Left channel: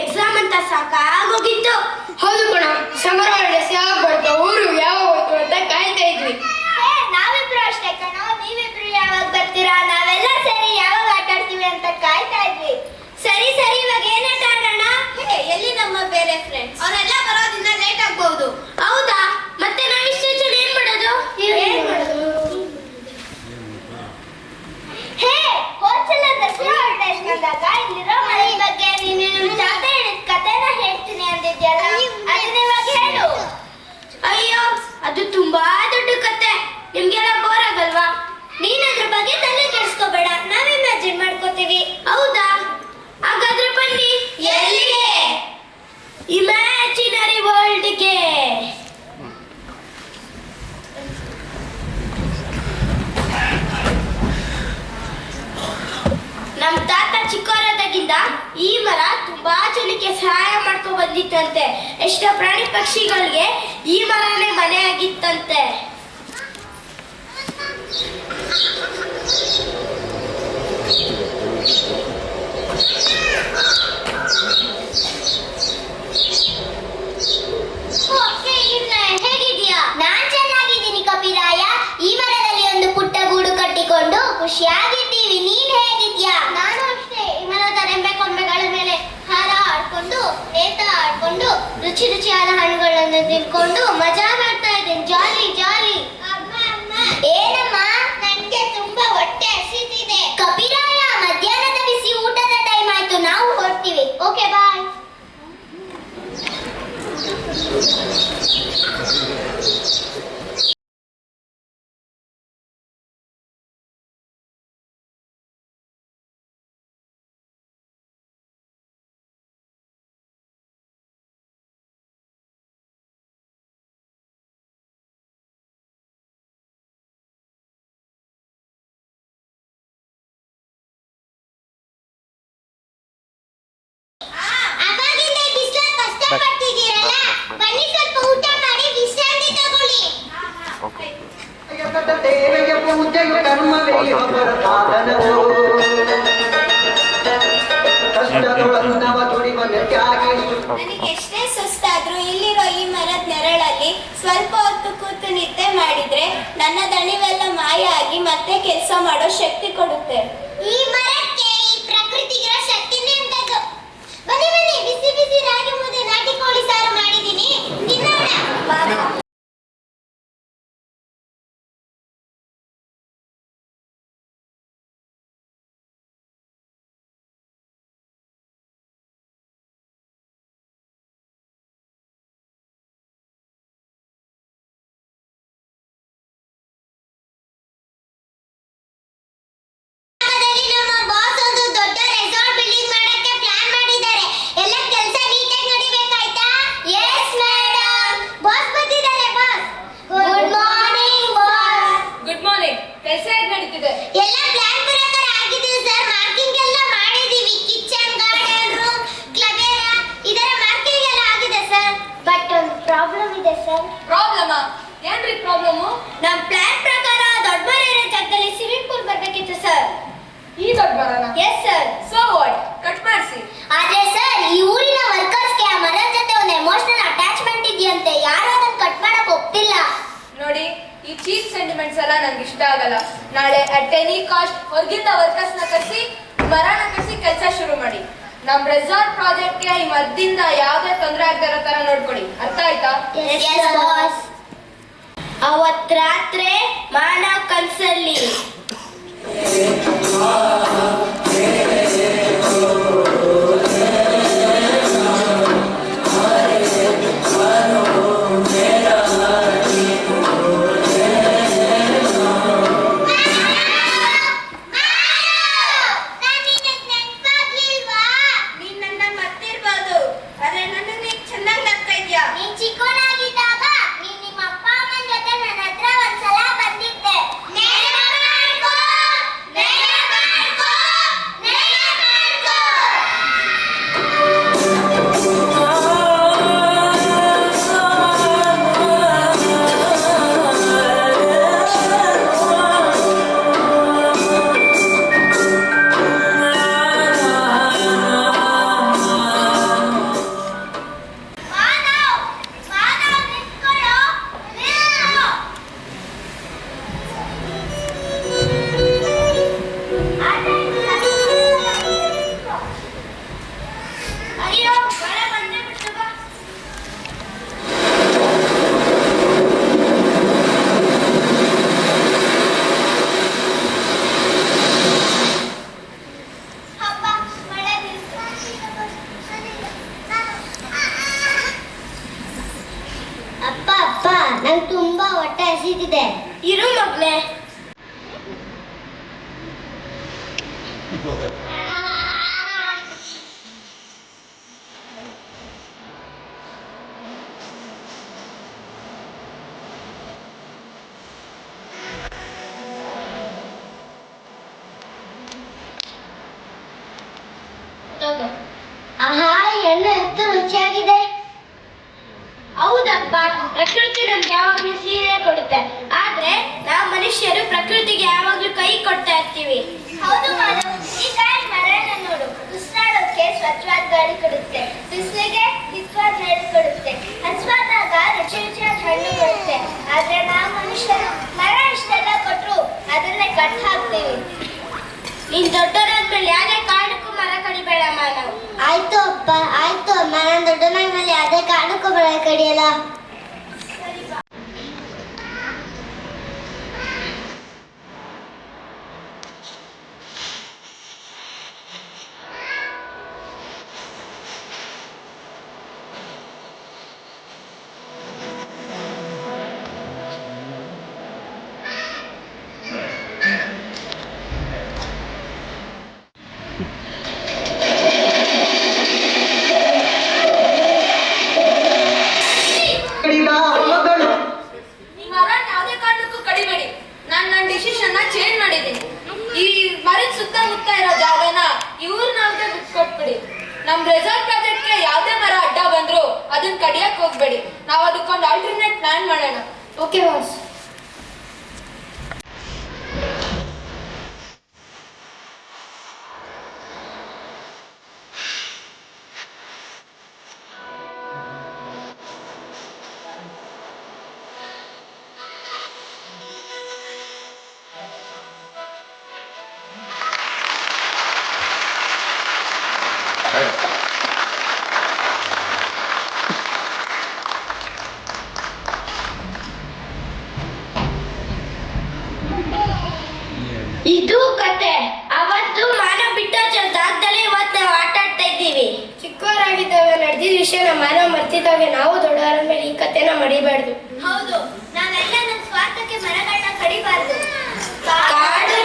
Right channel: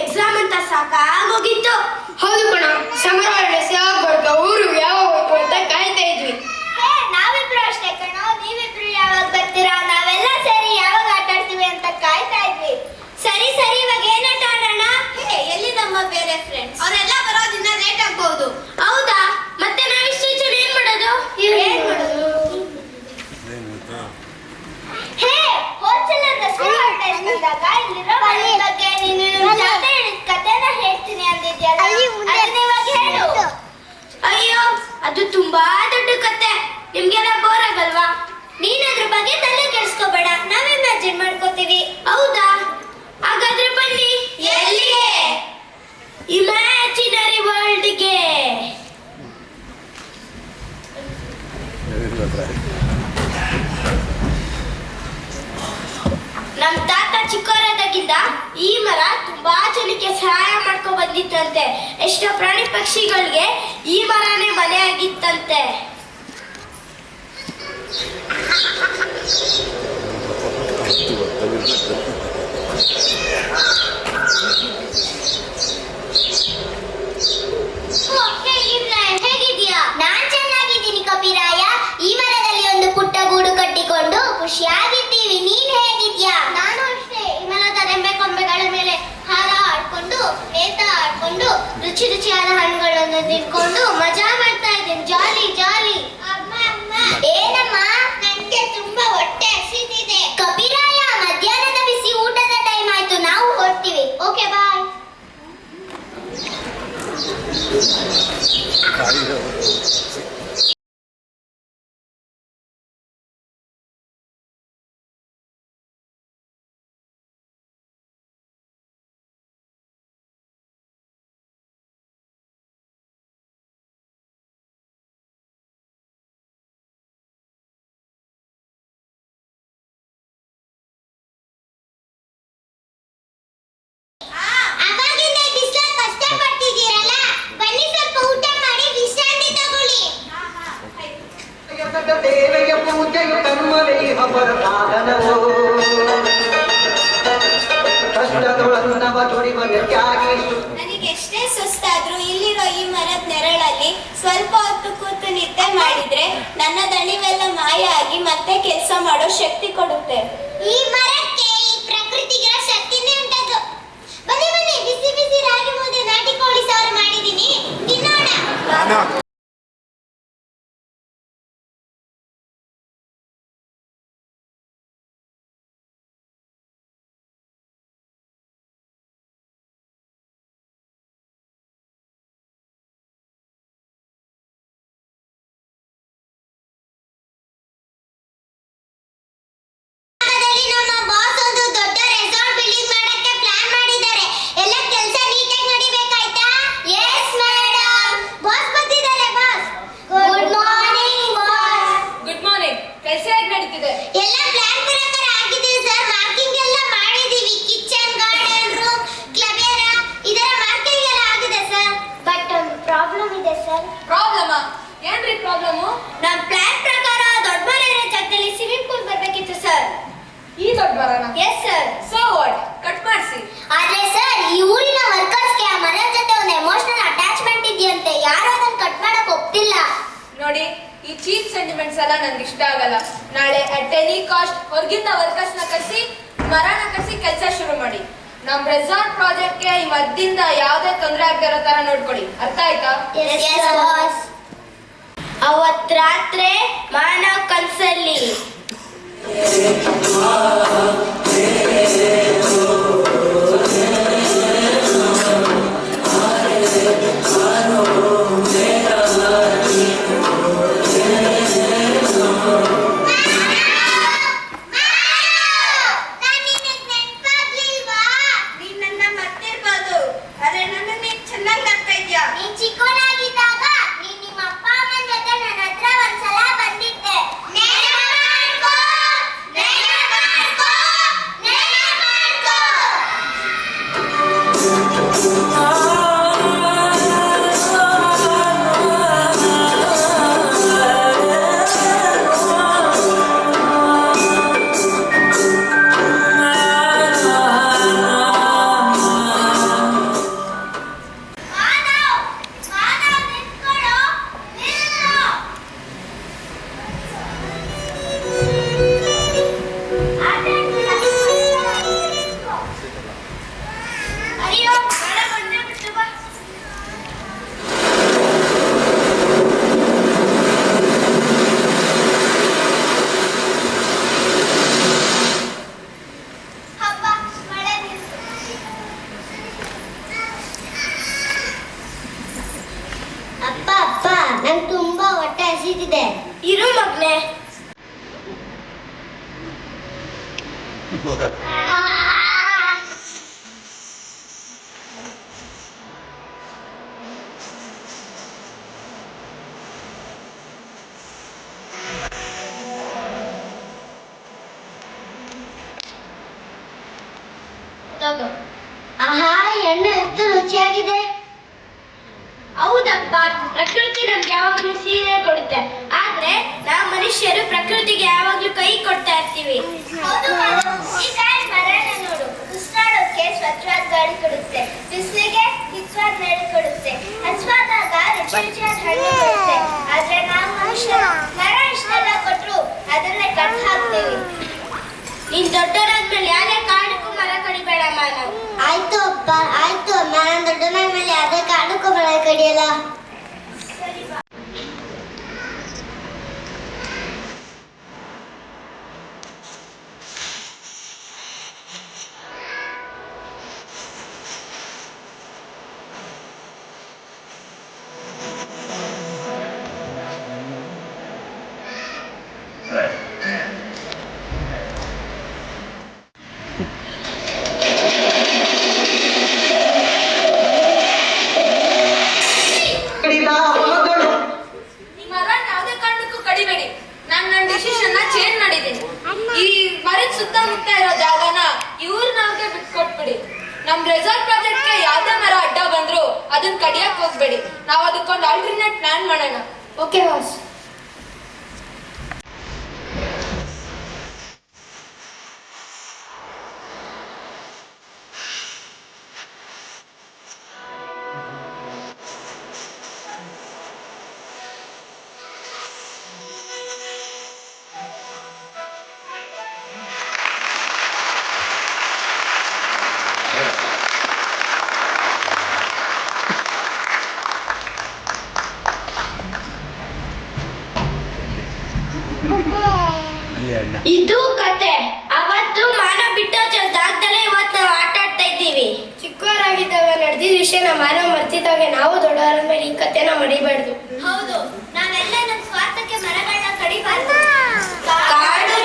Exam ಅಂತ ಸಾಕಾಗೋಗಿತ್ತು. ಹೌದು ಕಣ, ಸಮರ ಹಾಲಿಡೇಸ್ ಯಾವಾಗ ಬರುತ್ತೋ, ಊರು ಯಾವಾಗ ಹೋಯ್ತು ಅಂತ ಕಾಯ್ತಾ ಇದ್ವಿ. ನಾವಿಬ್ರು ಅಷ್ಟೇ ಕಣೋ, ನೀವಿಬ್ರು ಯಾವಾಗ ಬರ್ತೀರಾ, ನಾವೆಲ್ಲ ಸೇರಿ ಯಾವಾಗ ಆಟ ಆಡ್ತೀವಿ ಅಂತ ಕಾಯ್ತಾ ಇದ್ವಿ. ಸರಿ ಸರಿ, ಇವಾಗ ಏನ್ ಆಟ ಆಡೋಣ? ಎಲ್ಲಿ ನಮ್ಮ ಬೇರೆ ಫ್ರೆಂಡ್ಸ್? ಅವರೆಲ್ಲ ಬರೋದಿನ್ನ ಲೇಟ್ ಆಗ್ಬಹುದು. ಹೌದಾ? ಮತ್ತೆ ನಾವು ಇಷ್ಟು ಜನ ಏನ್ ಮಾಡೋದು? ಹೇ, ಹೋದ್ಸಲ ದಸರಾ ಹಾಲಿಡೇಸ್ ಬಂದಾಗ ಇಲ್ಲಿರೋ ಮರದ ಬಗ್ಗೆ ನೀನು ಜಾಸ್ತಿ ಹೇಳಿದ ಕಥೆನ ಹೇಳ್ತೀನಿ ಅಂದಿದ್ಯಲ್ಲ, ಅದನ್ನ ಇವಾಗ ಹೇಳು. ಅಯ್ಯೋ, ಅದು ತುಂಬಾ ದೊಡ್ಡ ಕತೆ, ನಿಮ್ಗೆಲ್ಲ ಬೋರ್ ಆಗಲ್ವಾ? ನೀನ್ ಅದ್ರ ಬಗ್ಗೆ ತಲೆ ಕೆಡಿಸ್ಕೋಬೇಡ, ನಾವ್ ಇಮ್ಯಾಜಿನ್ ಮಾಡ್ಕೋತೀವಿ. ಹೌದಾ? ಹಾಗಾದ್ರೆ ಬನ್ನಿ. ಎಲ್ಲಿಗೆ? ಇಮ್ಯಾಜಿನರಿ ವರ್ಲ್ಡ್ಗೆ. ನಮ್ ತಾತ ಚಿಕ್ಕವರಾದಾಗಿಂದ ಈ ಮರ ತುಂಬಾ ಜನಕ್ಕೆ ಸಹಾಯ ಮಾಡ್ಕೊ ಬಂದಿತ್ತಂತೆ. ಎಷ್ಟೋ ಪ್ರಾಣಿ ಪಕ್ಷಿಗಳಿಗೆ ಈ ಮರನೇ ಮನೆ ಆಗಿತ್ತಂತೆ. ಹೇಗಿದ್ಯಾ? ನಾನ್ ಚೆನ್ನಾಗಿದ್ದೀನಿ ಕಪಿರಾಯ. ಈ ಮರದಲ್ಲಿ ಒಂದು ಪುಟ್ಟ ಗೂಡು ಕಟ್ಟಿಕೊಂಡು ಖುಷಿಯಾಗಿದ್ದೀವಿ. ನೀನ್ ಹೇಗಿದ್ಯಾ? ನಾನು ಅಷ್ಟೇ. ಈ ಮರದ ರೆಂಬೆ ಕೊಂಬೆಗಳ ಮೇಲೆ ಹಾರ ಆಡ್ಕೊಂಡು, ನೇತ ಆಡ್ಕೊಂಡು, ರುಚಿ ರುಚಿಯಾದ ಹಣ್ಣುಗಳನ್ನು ತಿನ್ಕೊಂಡು ಮಜಾ ಮಾಡ್ತಾ ಇದ್ದೀನಿ. ಜಾಲಿ ಜಾಲಿ. ಏನಮ್ಮ? ನನ್ಗೆ ತುಂಬಾ ಹೊಟ್ಟೆ ಹಸಿತಿದೆ. ಕಪಿರಾಯ, ಮಧ್ಯಾಹ್ನದ ಬಿಸಿ ಊಟದ ಟೈಮ್ ಆಯ್ತು, ನಾವು ಹೊರಡ್ತೀವಿ. ಓಕೆ, ಬಾಯ್. ಕಷ್ಟಪಟ್ಟಿದ್ದೀರಲ್ಲ, ಬನ್ನಿ ಸ್ವಲ್ಪ ಊಟ ಮಾಡಿ ವಿಶ್ರಾಂತಿ ತಗೊಳ್ಳಿ. ನನಗೆ ಎಷ್ಟೇ ಸುಸ್ತಾದ್ರೂ ಇಲ್ಲಿರೋ ಈ ಮರದ ನೆರಳಲ್ಲಿ ಸ್ವಲ್ಪ ಹೊತ್ತು ಕೂತು ನಿದ್ದೆ ಮಾಡಿದ್ರೆ ನನ್ನ ದಣಿವೆಲ್ಲ ಮಾಯ ಆಗಿ ಮತ್ತೆ ಕೆಲಸ ಮಾಡೋ ಶಕ್ತಿ ಕೊಡುತ್ತೆ. ಈ ಮರಕ್ಕೆ, ಈ ಪ್ರಕೃತಿಗಿರೋ ಶಕ್ತಿನೇ ಉಂಟದು. ಬನ್ನಿ ಬನ್ನಿ, ಬಿಸಿ ಬಿಸಿ ರಾಗಿ ಮುದ್ದೆ ನಾಟಿ ಕೋಳಿ ಸಾರು ಮಾಡಿದ್ದೀನಿ, ತಿನ್ನೋಣ. ನಮ್ಮ ಬಾಸ್ ಒಂದು ದೊಡ್ಡ ರೆಸಾರ್ಟ್ ಬಿಲ್ಡಿಂಗ್ ಮಾಡಕ್ಕೆ ಪ್ಲಾನ್ ಮಾಡಿದ್ದಾರೆ. ಎಲ್ಲ ಕೆಲಸ ನೀಟಾಗಿ ನಡಿಬೇಕಾಯ್ತಾ? Yes madam. ಬಾಸ್ ಬಂದಿದ್ದಾರೆ. Boss, good morning. Boss, good morning. ಕೆಲಸ ಹೇಗೆ ನಡೀತಿದೆ? ಎಲ್ಲ ಪ್ಲಾನ್ ಪ್ರಕಾರ ಆಗಿದೆ ಸರ್. ಮಾರ್ಕಿಂಗ್ ಎಲ್ಲ ಮಾಡಿದೀವಿ. Kitchen, garden, room, club area, ಇದರ ಮಾರ್ಕಿಂಗ್ ಎಲ್ಲ ಆಗಿದೆ ಸರ್. ಬಟ್ ಒಂದು ಪ್ರಾಬ್ಲಮ್ ಇದೆ ಸರ್. ಪ್ರಾಬ್ಲಮ್? ಏನ್ರಿ ಪ್ರಾಬ್ಲಮ್? ನಮ್ಮ ಪ್ಲಾನ್ ಪ್ರಕಾರ ದೊಡ್ಡ ಮರ ಇರೋ ಜಾಗದಲ್ಲಿ ಸ್ವಿಮ್ಮಿಂಗ್ ಪೂಲ್ ಬರ್ಬೇಕಿತ್ತು ಸರ್. ಈ ದೊಡ್ಡ ಮರನ? Yes sir. So what, cut ಮಾಡಿಸಿ. ಆದ್ರೆ ಸರ್, ಈ ಊರಿನ ವರ್ಕರ್ಸ್ಗೆ ಆ ಮರದ ಜೊತೆ ಒಂದು ಎಮೋಷನಲ್ ಅಟ್ಯಾಚ್ಮೆಂಟ್ ಇದೆಯಂತೆ. ಯಾರು ಅದನ್ನ ಕಟ್ ಮಾಡಕ್ ಒಪ್ತಿಲ್ಲ. ನೋಡಿ, ಈ ಚೀಪ್ ಸೆಂಟಿಮೆಂಟ್ಸ್ ಎಲ್ಲ ನಂಗೆ ಇಷ್ಟ ಆಗಲ್ಲ. ನಾಳೆ ಅಟ್ ಎನಿ ಕಾಸ್ಟ್ ಹೊರಗಿಂದ ವರ್ಕರ್ಸ್ ನ ಕರೆಸಿ, ಮರನ ಕರೆಸಿ ಕೆಲಸ ಶುರು ಮಾಡಿ. ನಮ್ ರೆಸಾರ್ಟ್ ಪ್ರಾಜೆಕ್ಟ್ಗೆ ಈ ಮದ್ದಿಂದ ಯಾವ್ದೇ ತೊಂದರೆ ಆಗದೆ ಇರೋ ತರ ನೋಡ್ಕೊಡಿ. ಅರ್ಥ ಆಯ್ತಾ? ಅವತ್ ರಾತ್ರಿ ಮಾನ ಕನ್ಸಲ್ಲಿ ನಂಗೆ ತುಂಬಾ ಹೊಟ್ಟೆ ಹಸಿದಿದೆ. ಇರು ಮಗ್ನೆ. ಆಹಾ, ಎಣ್ಣೆ ಎಷ್ಟು ರುಚಿಯಾಗಿದೆ. ಹೌದಪ್ಪ, ಪ್ರಕೃತಿ ನಮ್ಗೆ ಯಾವಾಗಲೂ ಸೀರೆ ಕೊಡುತ್ತೆ, ಆದ್ರೆ ನಾವು ಮನುಷ್ಯರು ಪ್ರಕೃತಿಗೆ ಯಾವಾಗ್ಲೂ ಕೈ ಕೊಡ್ತಾ ಇರ್ತೀವಿ. ಹೌದು ಮಾಧವ್, ಈಗ ಮರನ ನೋಡು, ಉಸಿರಾಡೋಕೆ ಸ್ವಚ್ಛವಾದ ಗಾಳಿ ಕೊಡುತ್ತೆ, ಬಿಸಿಲಿಗೆ ಹಿತವಾದ ನೆರಳು ಕೊಡುತ್ತೆ, ಹಸುವಾದಾಗ ರುಚಿ ರುಚಿಯಾದ ಹಣ್ಣು ಕೊಡುತ್ತೆ. ಆದ್ರೆ ನಾವು ಮನುಷ್ಯರು ಮರ ಇಷ್ಟೆಲ್ಲ ಕೊಟ್ರು ಅದನ್ನೇ ಕಟ್ ಹಾಕ್ತೀವಿ. ನೀನ್ ದೊಡ್ಡವರಾದ್ಮೇಲೆ ಯಾವುದೇ ಕಾರಣಕ್ಕೂ ಮರ ಕಡಿಬೇಡ ಮಾನವ್. ಆಯ್ತು ಅಪ್ಪ, ಆಯ್ತು. ನಾನು ದೊಡ್ಡವನಾದ್ಮೇಲೆ ಯಾವುದೇ ಕಾರಣಕ್ಕೂ ಮರ ಕಡಿಯಲ್ಲ. ಯಾವುದೇ ಕಾರಣಕ್ಕೂ ಕಡಿಬೇಡಿ. ನಾನು ನನ್ನ ಡಿಸಿಷನ್ ಚೇಂಜ್ ಮಾಡಿದ್ದೀನಿ. ಈ ಮರದ ಸುತ್ತಮುತ್ತ ಇರೋ ಜಾಗನ ಇವ್ರನ್ನವ್ರಿಗೆ ಬಿಟ್ಕೊಟ್ಬಿಡಿ. ನಮ್ ರೆಸಾರ್ಟ್ ಪ್ರಾಜೆಕ್ಟ್ಗೆ ಯಾವ್ದೇ ಮರ ಅಡ್ಡ ಬಂದ್ರು ಅದನ್ನ ಕಡಿಯಕ್ ಹೋಗ್ಬೇಡಿ. ನಾವು ಅದಕ್ಕೊಂದು ಆಲ್ಟರ್ನೇಟ್ ಪ್ಲಾನ್ ಮಾಡೋಣ. Okay boss? ಇದು ಕತೆ. ಅವತ್ತು ಮಾನವ ಬಿಟ್ಟೋ ಜಾಗದಲ್ಲೇ ಇವತ್ತು ನಾವು ಆಟ ಆಡ್ತಾ ಇದ್ದೀವಿ. ಚಿಕ್ಕವರಾಗಿದ್ದಾಗ ನಡೆದಿದ್ದ ವಿಷಯನ ಮಾನವ ಮರ್ತಿದ್ದಾಗ ನಾವು ದೊಡ್ಡವರ ಮೇಲೆ ಈ ಕತೆನ ಮಡಿಬಾರ್ದು. ಹೌದು, ನಾವೆಲ್ಲ ನಮ್ಮ ಸ್ವಾರ್ಥಕ್ಕೆ ಮರಗಳನ್ನ ಕಡಿಬಾರ್ದು. ಕಾಡು